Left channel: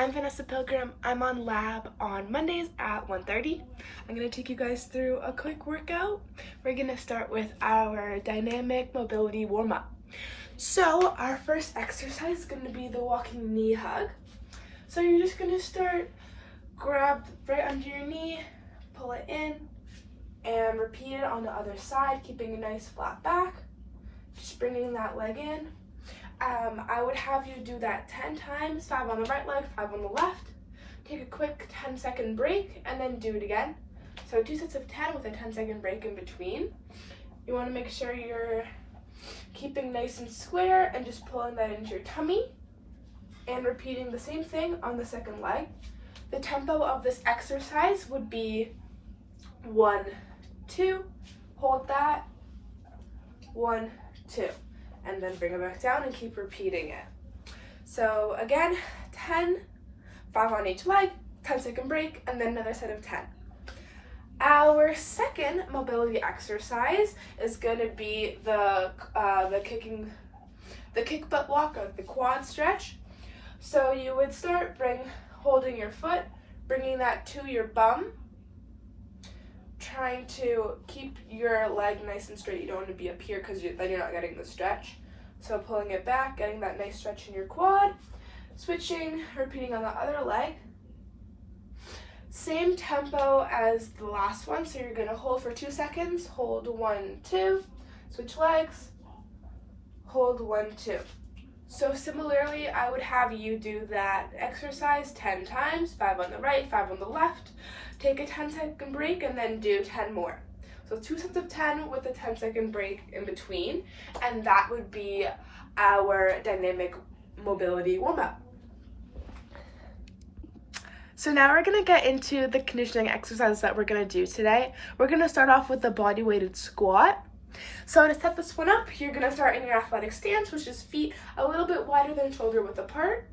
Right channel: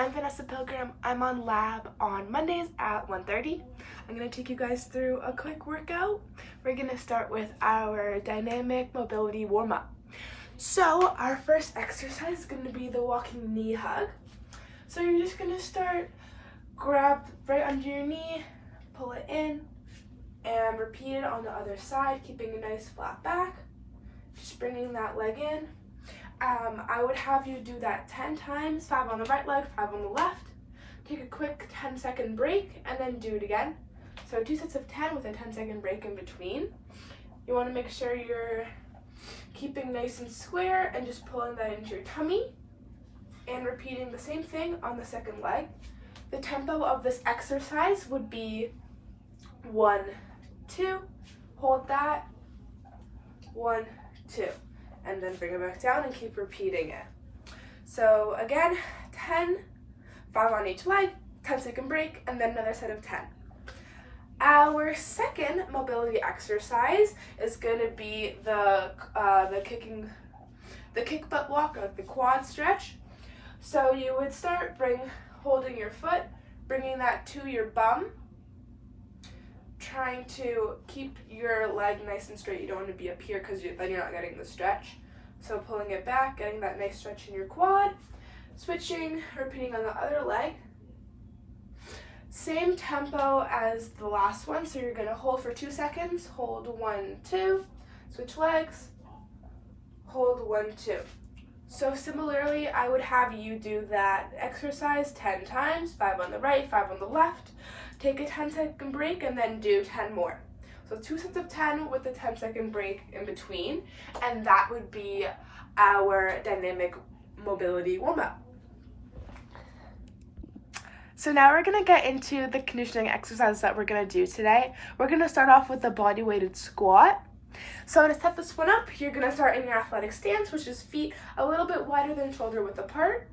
I'm Vanessa Pilgrim. I'm on lab on Mondays at 1:30. I'm going to take you guys through a quick workout. We're going to start with our dynamic mobility warm-up. So our first exercise is going to be the walking knee hug. So you're just going to start, grab right under your knee, pull it in, and repeat it on the other side, keeping a nice flat back. Just bringing that leg in. I would have you do that 10 times, 5 on the right leg, 5 on the left. Take a quick 10-second break and then do it again. So 2 sets of 10 with a 10-second break in between. You want to make sure you're keeping nice and square and just pulling that into your tummy and repeating the same thing on the second leg. The tempo of this exercise would be 1, 2, hold that, 1, 2. And then bring it back down and keep repeating it. So again, 10, 5 on each leg, 10-second break, and then another set of 10. Our second mobility exercise is going to be the kick butt walk, or the quad stretch. So you would start holding your foot, bringing that to your bum, trying to keep your leg nice and straight. You don't want to be up here because then you're not getting the stretch. So pulling it back, getting that nice stretch in your quad, switching, repeating on the other leg. Same tempo as the last one, so you're going to hold for 2 seconds, hold 1, 2, switch legs, hold 1, 2. So similarly, I would have you do that exercise 10 times, 5 on the right, 5 on the left. Take a 10-second break and then do 10 more. So 2 sets of 10 with a 10-second break in between, and that would be our dynamic mobility warm-up. So now we're going to get into the conditioning exercises that we're going to do today. We're going to start off with the body-weighted squat. So to set this one up, you're going to start in your athletic stance, which is feet a little bit wider than shoulder width apart.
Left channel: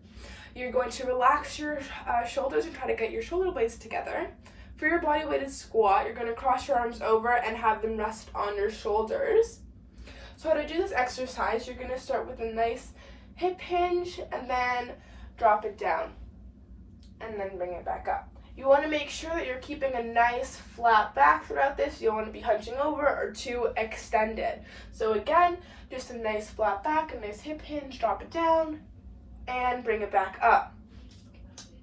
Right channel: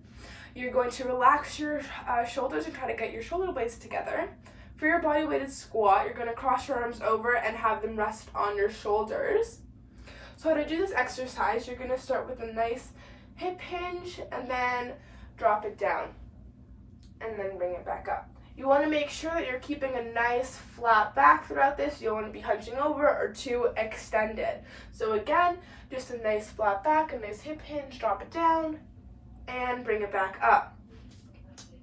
You're going to relax your shoulders and try to get your shoulder blades together. For your body-weighted squat, you're going to cross your arms over and have them rest on your shoulders. So to do this exercise, you're going to start with a nice hip hinge and then drop it down and then bring it back up. You want to make sure that you're keeping a nice flat back throughout this. You don't want to be hunching over or too extended. So again, just a nice flat back, a nice hip hinge, drop it down, and bring it back up.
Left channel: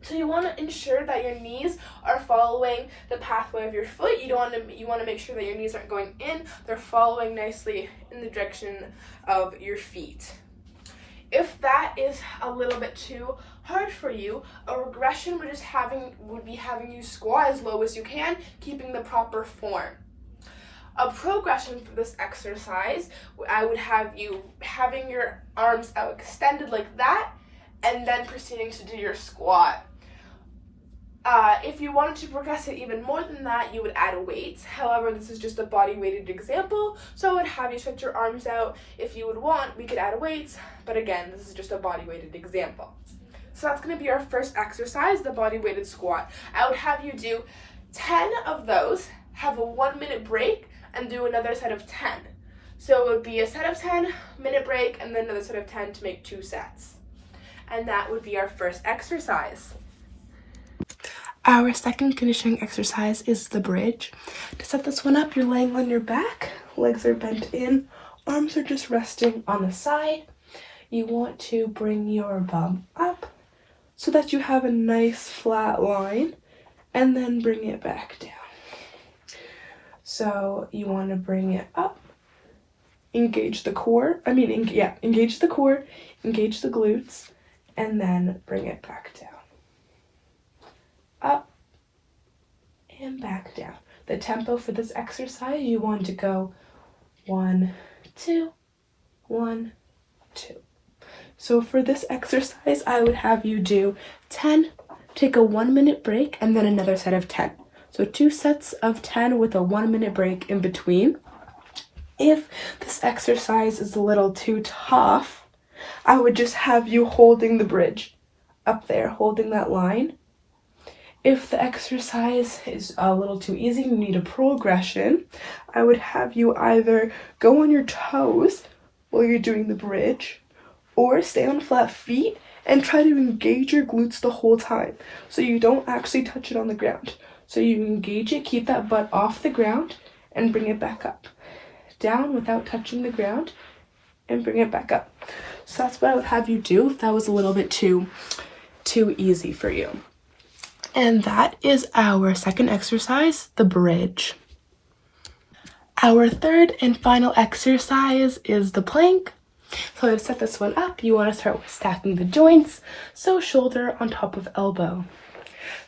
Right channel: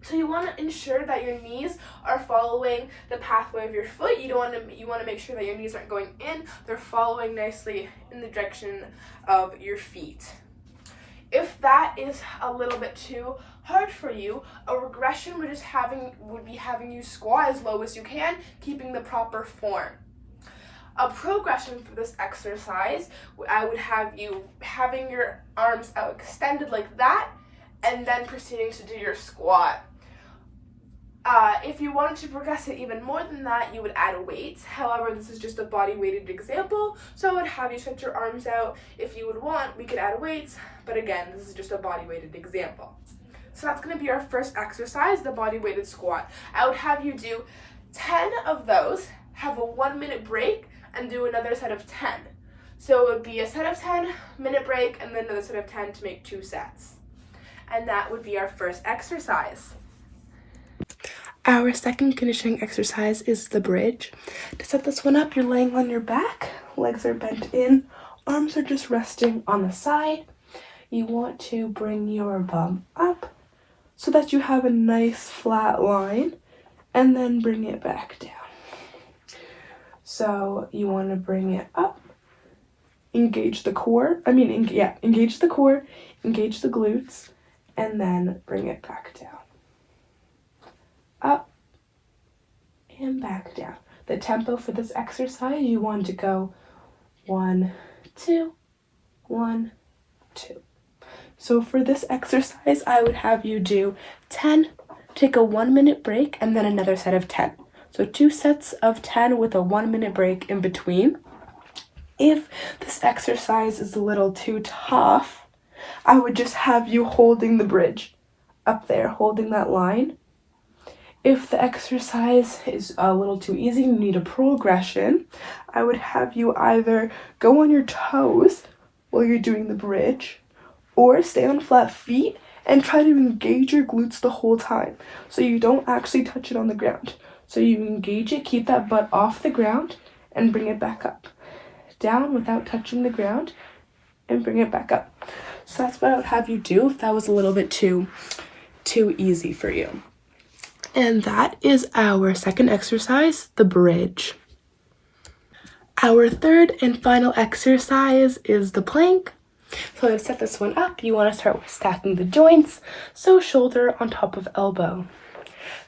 So you want to ensure that your knees are following the pathway of your foot. You want to make sure that your knees aren't going in. They're following nicely in the direction of your feet. If that is a little bit too hard for you, a regression would be having you squat as low as you can, keeping the proper form. A progression for this exercise, I would have you having your arms out extended like that, and then proceeding to do your squat. If you wanted to progress it even more than that, you would add weights. However, this is just a body-weighted example, so I would have you stretch your arms out. If you would want, we could add weights, but again, this is just a body-weighted example. So that's going to be our first exercise, the body-weighted squat. I would have you do 10 of those, have a 1-minute break, and do another set of 10. So it would be a set of 10, minute break, and then another set of 10 to make 2 sets. And that would be our first exercise. Our second conditioning exercise is the bridge. To set this one up, you're laying on your back, legs are bent in, arms are just resting on the side. You want to bring your bum up so that you have a nice flat line, and then bring it back down. So you want to bring it up, engage the core, engage the core, engage the glutes, and then bring it back down. Up and back down. The tempo for this exercise, you want to go 1, 2, 1, 2. So for this exercise, I would have you do 10, take a 1-minute break, and then another set of 10. So 2 sets of 10 with a 1-minute break in between. If this exercise is a little too tough, I would just have you holding the bridge up there, holding that line. If the exercise is a little too easy, you need a progression, I would have you either go on your toes while you're doing the bridge, or stay on flat feet and try to engage your glutes the whole time. So you don't actually touch it on the ground. So you engage it, keep that butt off the ground, and bring it back up. Down without touching the ground, and bring it back up. So that's what I would have you do if that was a little bit too easy for you. And that is our second exercise, the bridge. Our third and final exercise is the plank. So to set this one up, you want to start with stacking the joints, so shoulder on top of elbow.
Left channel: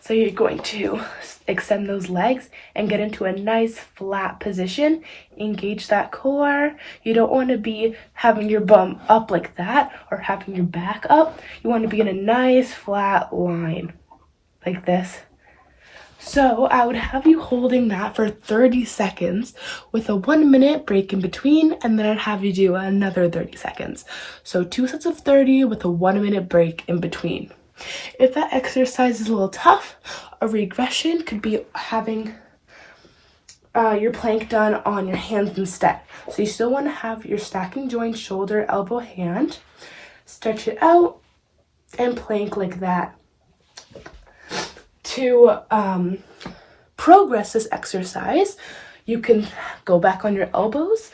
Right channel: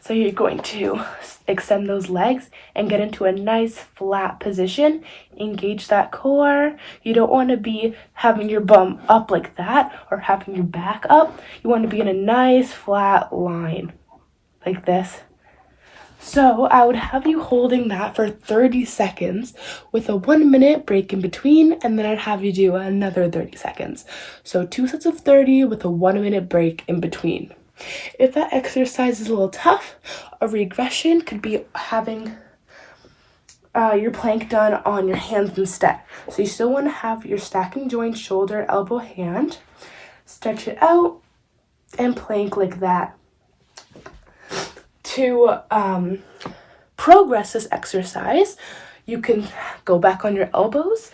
So you're going to extend those legs and get into a nice flat position. Engage that core. You don't want to be having your bum up like that or having your back up. You want to be in a nice flat line like this. So I would have you holding that for 30 seconds with a 1 minute break in between, and then I'd have you do another 30 seconds. So 2 sets of 30 with a 1 minute break in between. If that exercise is a little tough, a regression could be having your plank done on your hands instead. So you still want to have your stacking joint, shoulder, elbow, hand. Stretch it out and plank like that. To progress this exercise, you can go back on your elbows,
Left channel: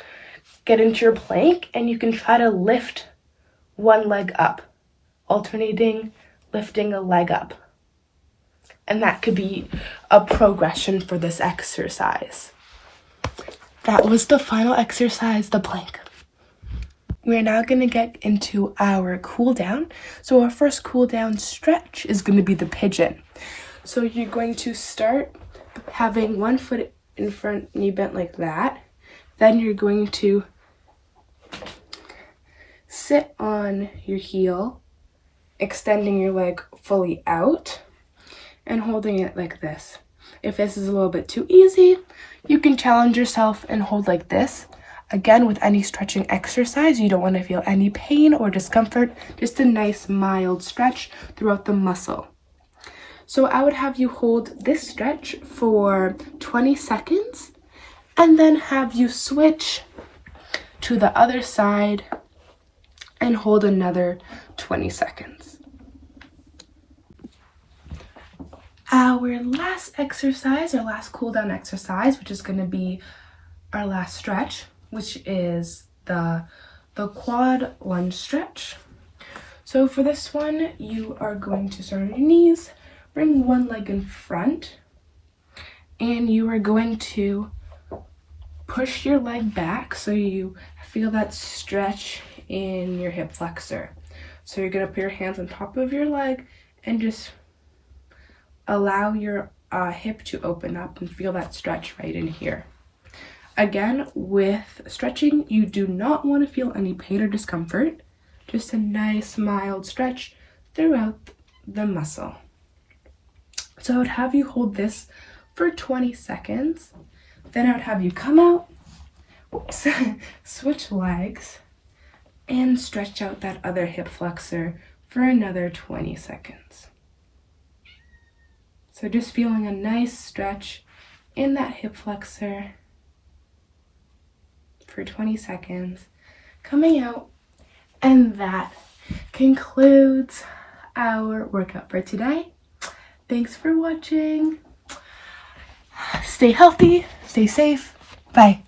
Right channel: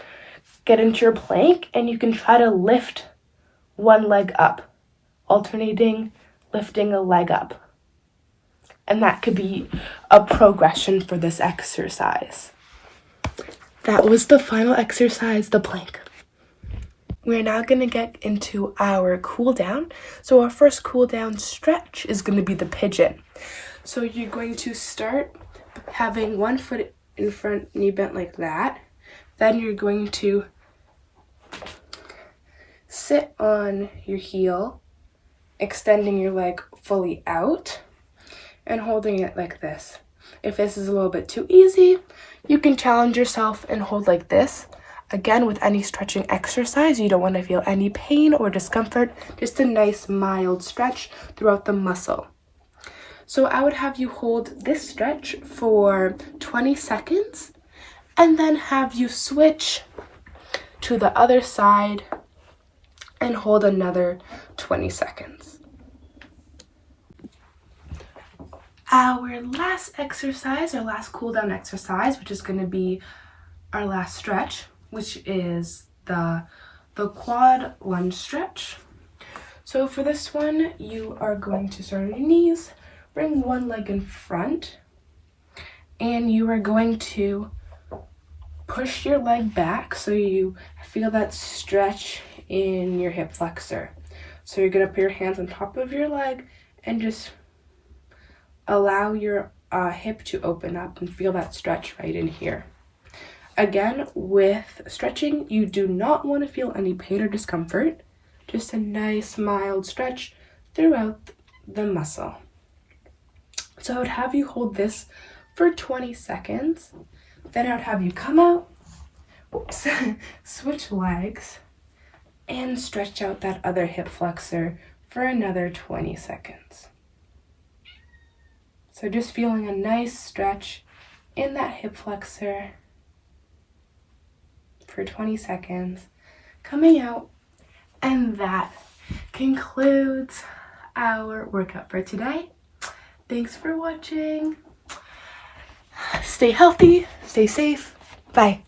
get into your plank, and you can try to lift one leg up, alternating lifting a leg up. And that could be a progression for this exercise. That was the final exercise, the plank. We're now going to get into our cool down. So our first cool down stretch is going to be the pigeon. So you're going to start having one foot in front, knee bent like that. Then you're going to sit on your heel, extending your leg fully out and holding it like this. If this is a little bit too easy, you can challenge yourself and hold like this. Again, with any stretching exercise, you don't want to feel any pain or discomfort, just a nice mild stretch throughout the muscle. So I would have you hold this stretch for 20 seconds and then have you switch to the other side and hold another 20 seconds. Our last exercise, our last cool down exercise, which is going to be our last stretch, which is the quad lunge stretch. So for this one, you are going to start on your knees, bring one leg in front, and you are going to push your leg back so you feel that stretch in your hip flexor. So you're going to put your hands on top of your leg and just allow your hip to open up and feel that stretch right in here. Again, with stretching, you do not want to feel any pain or discomfort, just a nice mild stretch throughout the muscle. So I would have you hold this for 20 seconds. Then I would have you come out, switch legs, and stretch out that other hip flexor for another 20 seconds. So just feeling a nice stretch in that hip flexor for 20 seconds, coming out, and that concludes our workout for today. Thanks for watching. Stay healthy, stay safe. Bye.